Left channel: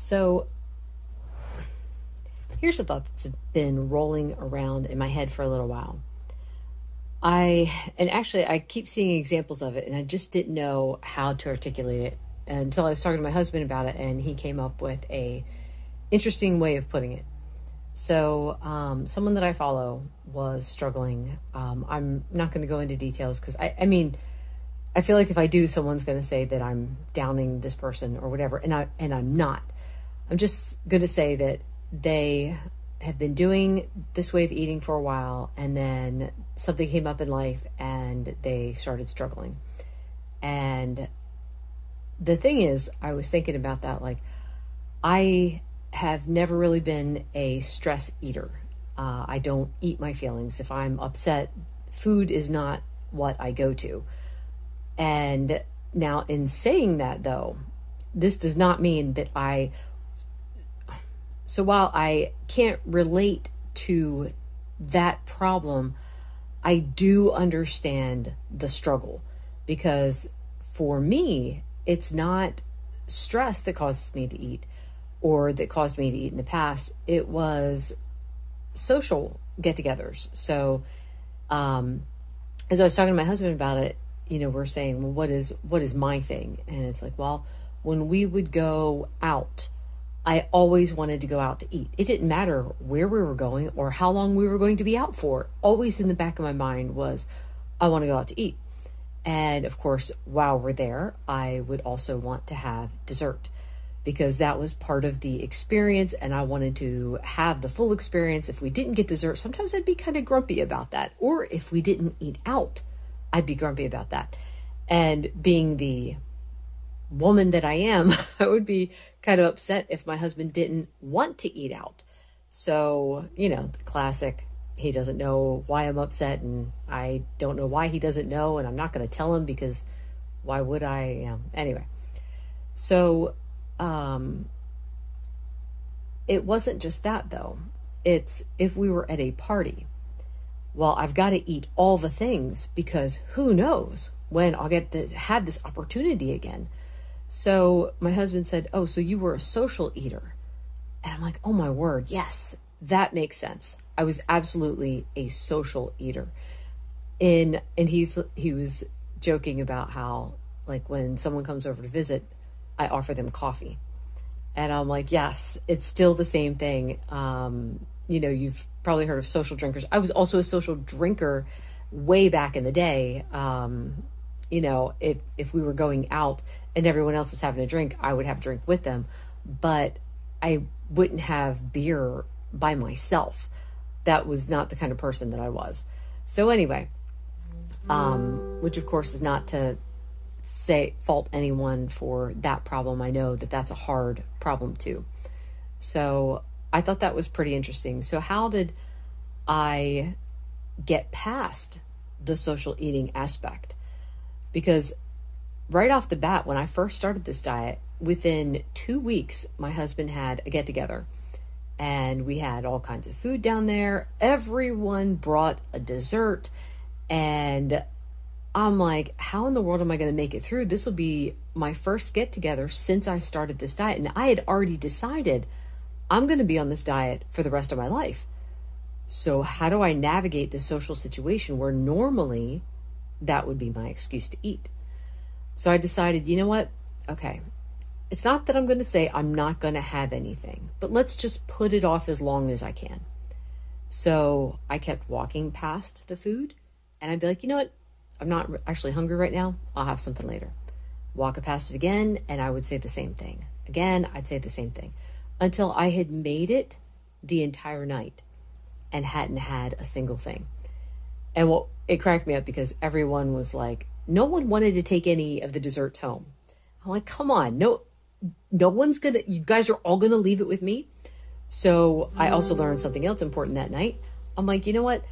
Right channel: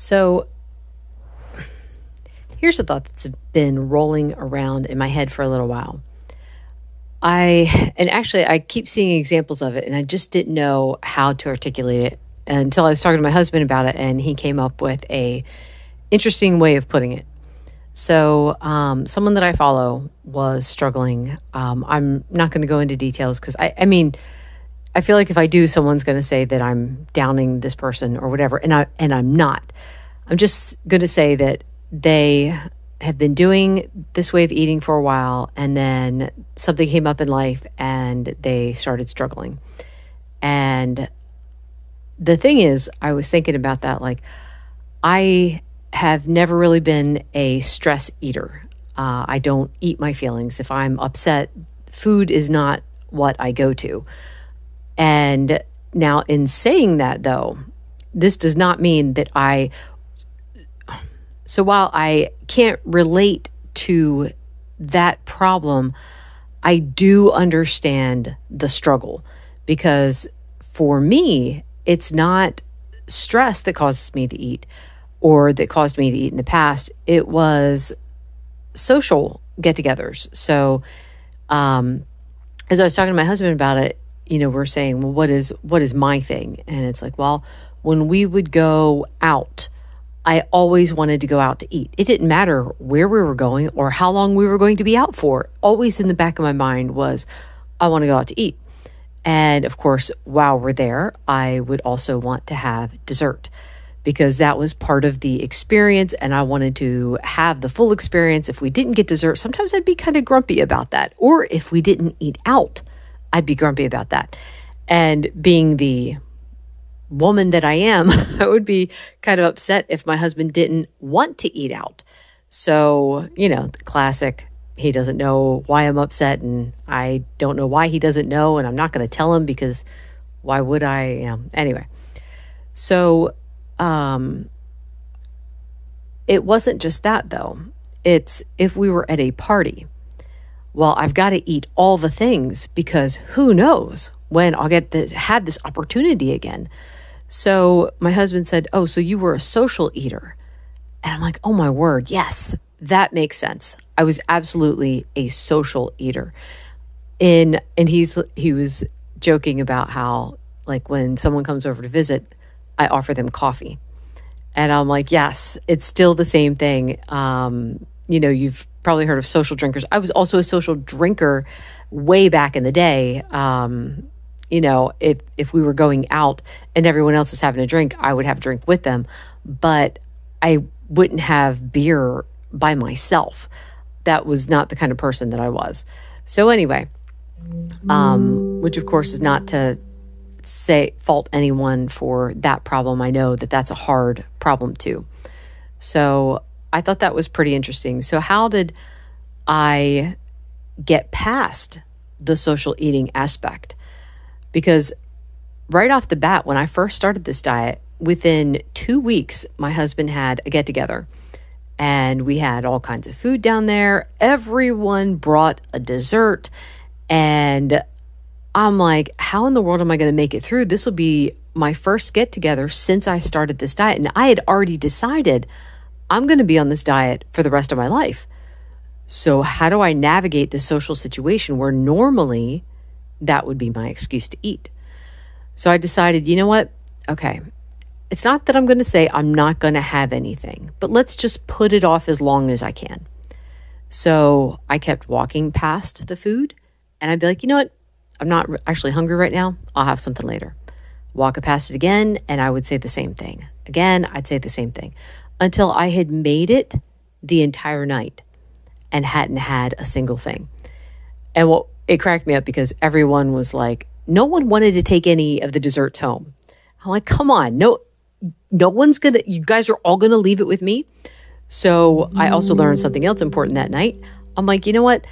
So here's a thought that's been rolling around in my head for a little while. I keep seeing examples of it, and I just didn't know how to articulate it until I was talking to my husband about it, and he came up with a interesting way of putting it. So, someone that I follow was struggling. I'm not going to go into details because I feel like if I do, someone's going to say that I'm downing this person or whatever, and I'm not. I'm just going to say that they have been doing this way of eating for a while, and then something came up in life and they started struggling. And the thing is, I was thinking about that, like, I have never really been a stress eater. I don't eat my feelings. If I'm upset, food is not what I go to. And now, in saying that, though, this does not mean that so while I can't relate to that problem, I do understand the struggle, because for me, it's not stress that causes me to eat or that caused me to eat in the past. It was social get-togethers. So as I was talking to my husband about it, we're saying, well, what is my thing? And it's like, well, when we would go out, I always wanted to go out to eat. It didn't matter where we were going or how long we were going to be out for. Always in the back of my mind was, I want to go out to eat. And of course, while we're there, I would also want to have dessert, because that was part of the experience, and I wanted to have the full experience. If we didn't get dessert, sometimes I'd be kind of grumpy about that. Or if we didn't eat out, I'd be grumpy about that. And being the woman that I am, I would be kind of upset if my husband didn't want to eat out. So, the classic, he doesn't know why I'm upset, and I don't know why he doesn't know, and I'm not going to tell him because why would I? Anyway. So, it wasn't just that, though. It's if we were at a party, well, I've got to eat all the things, because who knows when I'll get to have this opportunity again. So my husband said, oh, so you were a social eater. And I'm like, oh my word, yes, that makes sense. I was absolutely a social eater. And he was joking about how, like, when someone comes over to visit, I offer them coffee. And I'm like, yes, it's still the same thing. You've probably heard of social drinkers. I was also a social drinker way back in the day. If we were going out and everyone else is having a drink, I would have a drink with them, but I wouldn't have beer by myself. That was not the kind of person that I was. So anyway, which of course is not to fault anyone for that problem. I know that that's a hard problem too. So I thought that was pretty interesting. So how did I get past the social eating aspect? Because right off the bat, when I first started this diet, within 2 weeks, my husband had a get-together, and we had all kinds of food down there. Everyone brought a dessert, and I'm like, how in the world am I going to make it through? This will be my first get-together since I started this diet, and I had already decided I'm going to be on this diet for the rest of my life. So how do I navigate this social situation where normally that would be my excuse to eat? So I decided, you know what? Okay, it's not that I'm going to say I'm not going to have anything, but let's just put it off as long as I can. So I kept walking past the food, and I'd be like, you know what? I'm not actually hungry right now. I'll have something later. Walk past it again, and I would say the same thing. Again, I'd say the same thing until I had made it the entire night and hadn't had a single thing. And it cracked me up because everyone was like, no one wanted to take any of the desserts home. I'm like, come on, no one's gonna, you guys are all gonna leave it with me. So I also learned something else important that night. I'm like, you know what?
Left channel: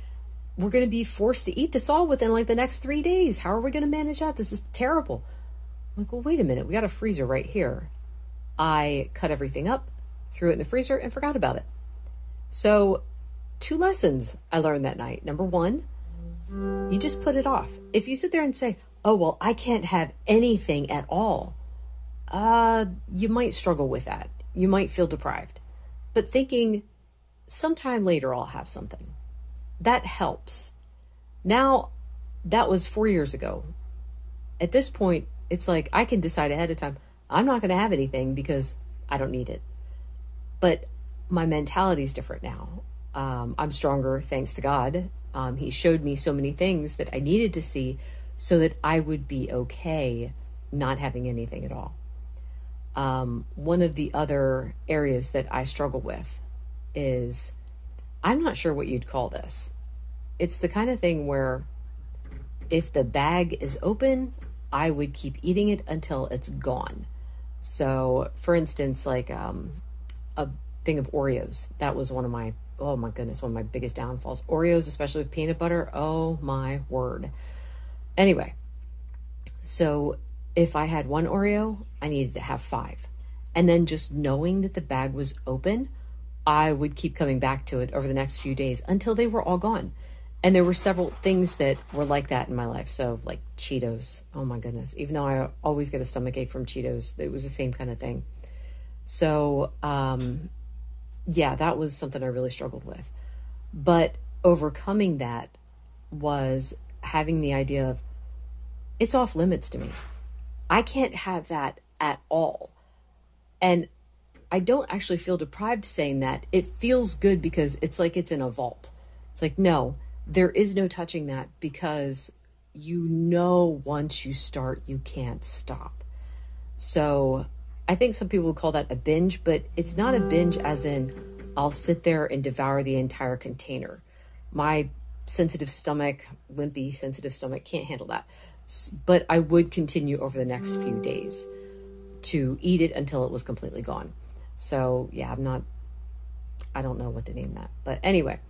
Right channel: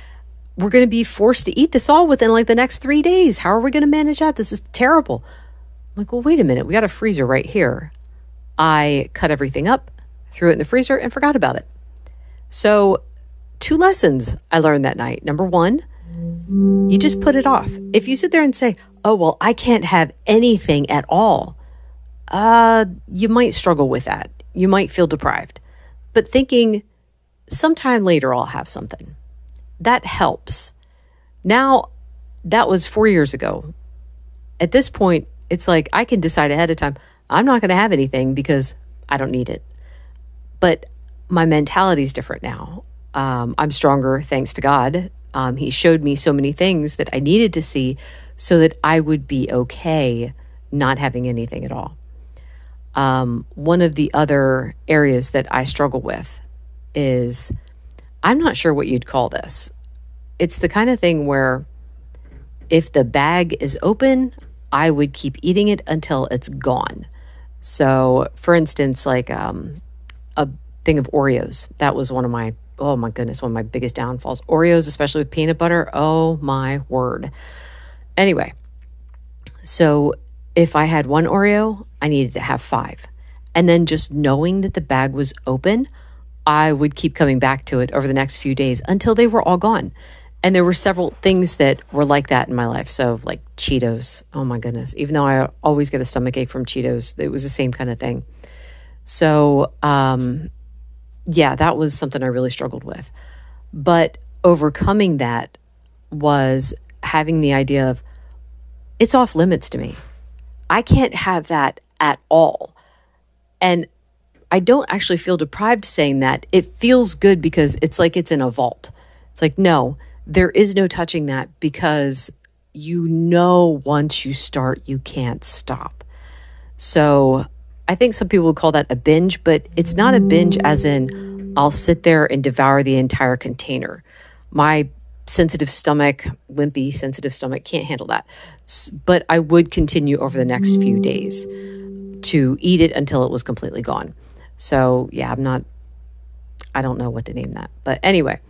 We're gonna be forced to eat this all within like the next 3 days. How are we gonna manage that? This is terrible. I'm like, well, wait a minute. We got a freezer right here. I cut everything up, threw it in the freezer, and forgot about it. So 2 lessons I learned that night. Number 1, you just put it off. If you sit there and say, oh, well, I can't have anything at all, you might struggle with that. you might feel deprived, but thinking sometime later I'll have something. That helps. Now, that was 4 years ago. At this point, it's like I can decide ahead of time, I'm not going to have anything because I don't need it. But my mentality is different now. I'm stronger, thanks to God. He showed me so many things that I needed to see so that I would be okay not having anything at all. One of the other areas that I struggle with is, I'm not sure what you'd call this. It's the kind of thing where if the bag is open, I would keep eating it until it's gone. So, for instance, like a thing of Oreos. That was one of my, oh my goodness, one of my biggest downfalls. Oreos, especially with peanut butter. Oh my word. Anyway, so if I had one Oreo, I needed to have 5. And then just knowing that the bag was open, I would keep coming back to it over the next few days until they were all gone. And there were several things that were like that in my life. So like Cheetos, oh my goodness. Even though I always get a stomachache from Cheetos, it was the same kind of thing. So, yeah, that was something I really struggled with. But overcoming that was having the idea of, it's off limits to me. I can't have that at all. And I don't actually feel deprived saying that. It feels good because it's like it's in a vault. It's like, no, there is no touching that, because you know once you start, you can't stop. So I think some people would call that a binge, but it's not a binge as in I'll sit there and devour the entire container. My sensitive stomach, wimpy sensitive stomach, can't handle that. But I would continue over the next few days to eat it until it was completely gone. So yeah, I don't know what to name that. But anyway,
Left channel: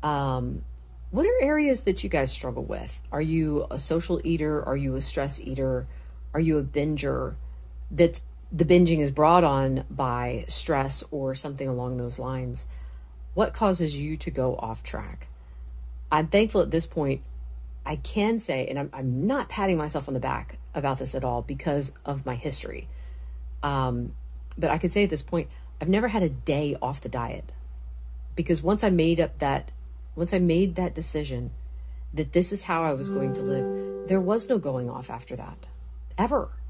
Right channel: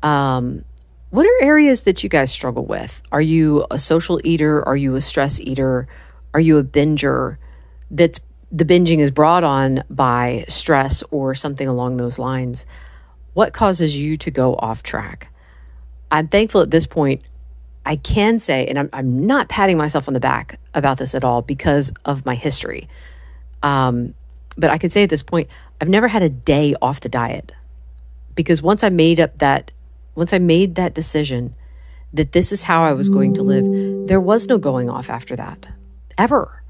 what are areas that you guys struggle with? Are you a social eater? Are you a stress eater? Are you a binger? The binging is brought on by stress or something along those lines. What causes you to go off track? I'm thankful at this point, I can say, and I'm not patting myself on the back about this at all because of my history. But I can say at this point, I've never had a day off the diet, because once I made that decision that this is how I was going to live, there was no going off after that, ever.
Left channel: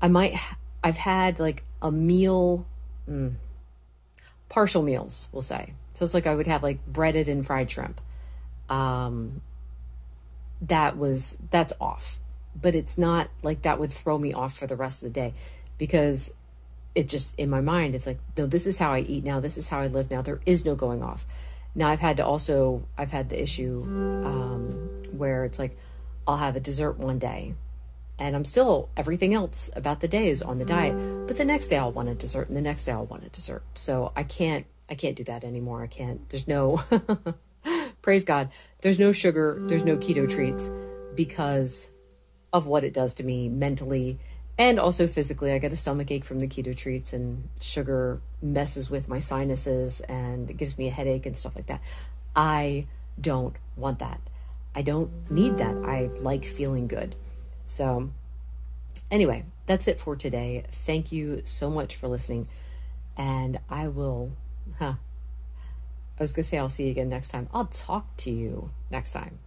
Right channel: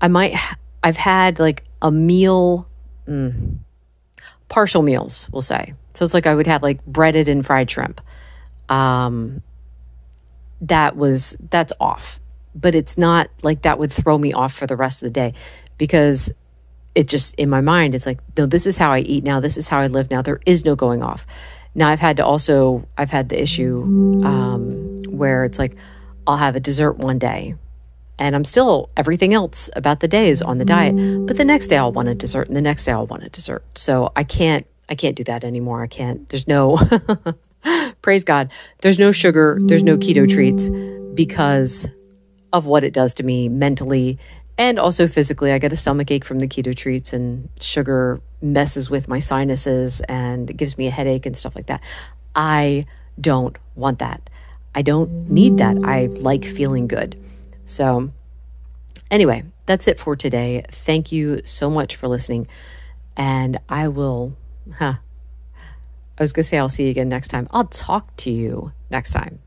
I've had like a meal, partial meals, we'll say. So it's like I would have like breaded and fried shrimp. That's off, but it's not like that would throw me off for the rest of the day, because it just, in my mind, it's like, no, this is how I eat now. This is how I live now. There is no going off. Now I've had the issue where it's like, I'll have a dessert one day and I'm still, everything else about the day is on the diet, but the next day I'll want a dessert and the next day I'll want a dessert. So I can't do that anymore. There's no, praise God, there's no sugar, there's no keto treats, because of what it does to me mentally and also physically. I get a stomachache from the keto treats, and sugar messes with my sinuses and it gives me a headache and stuff like that. I don't want that. I don't need that. I like feeling good. So anyway, that's it for today. Thank you so much for listening. And I was going to say I'll see you again next time. I'll talk to you next time.